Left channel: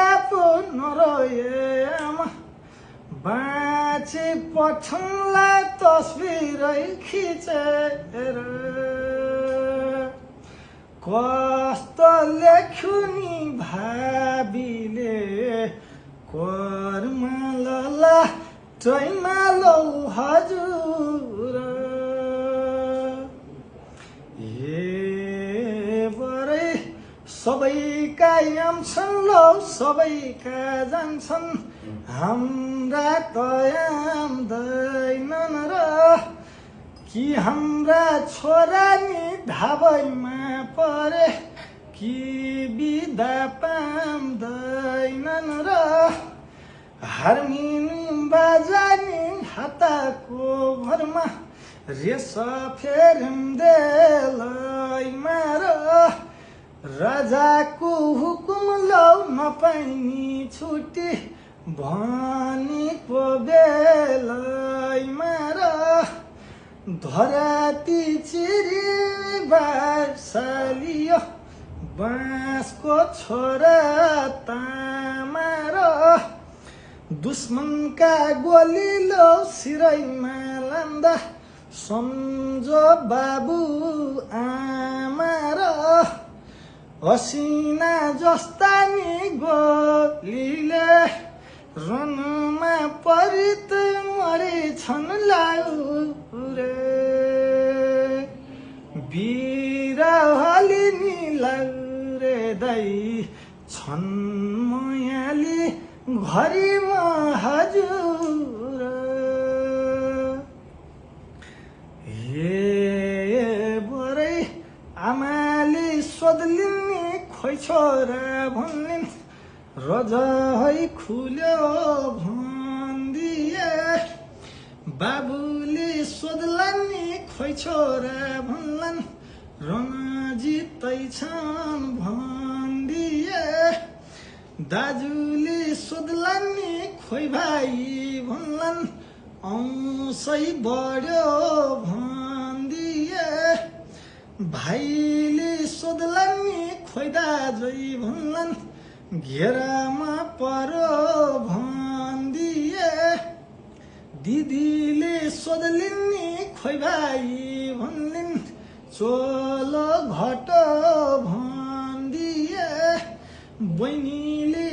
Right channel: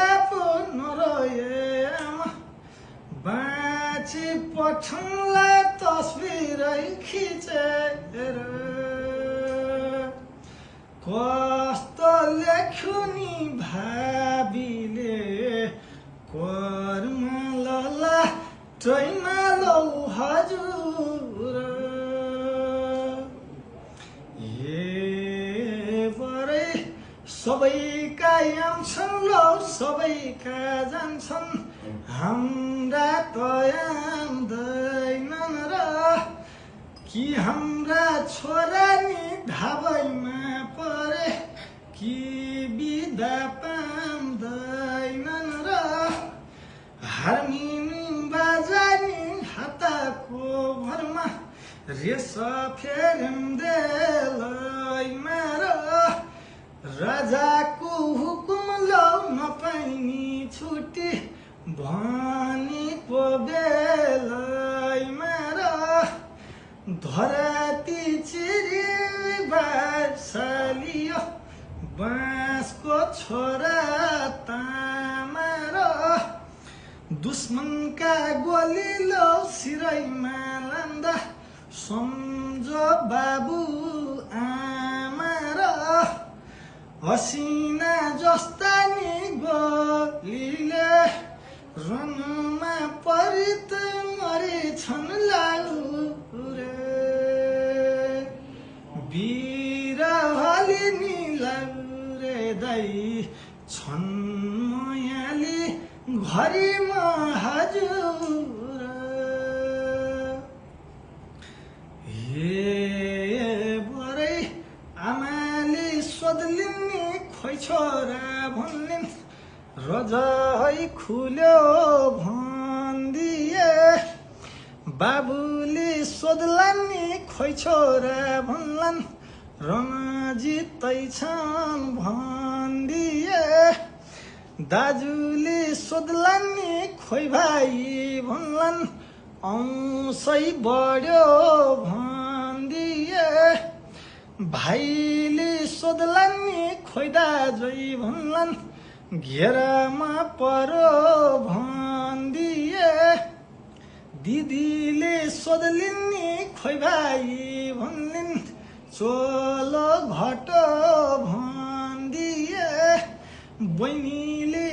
छोरा पो नरोए आमा बाँची पठाउला तस्बिरै खिचेर कस्तो लेख्यो नि भाबीले कर्म लला टैमा लौ हजुर बरै सबैका आउँछन् लौ सबैका जान्छन् हाम्रा त आउँदैनन् र कि हाम्रा छोरा नि धाबैमा परे कि बिदा पाउँदैनन् र हार्मोनियम बाजानी हातको भरमा रेस फेरिँदैमा र राजाको हुकुम लौ नपाइनी छुट्टी भनेको बेलैमा र धराती चिरी बासालियो बाँसको छोरा तामा र दुश्मनका गोली लो सिरैमा लान्दा सम्झो बाबु आमा र हसिना जस्ता नि गोलीले रनमा परित मरेछन् लाउरे वीर हलिनी लाउरे दाइ छन् मायाली घरीमा हजुर हे बरै आमाले सोध्लिन् नि खोइ छोरा भन्लिन् रजा है खुल्यो भन्दिए बाबुले सोध्लान् नि खोइ छोरा भन्लान् रणजितै छन् भन्दिए दाजुले सोध्लान् नि खोइ भाइ भन्लान् औँसै बढ्यो भन्दिए भाइले सोध्लान् नि खोइ दाजै भन्लान् घेरामा पर्यो भन्दिए दिदीले सोध्लिन् नि खोइ भाइ भन्लिन् चोलो घटो भन्दिए बहिनीले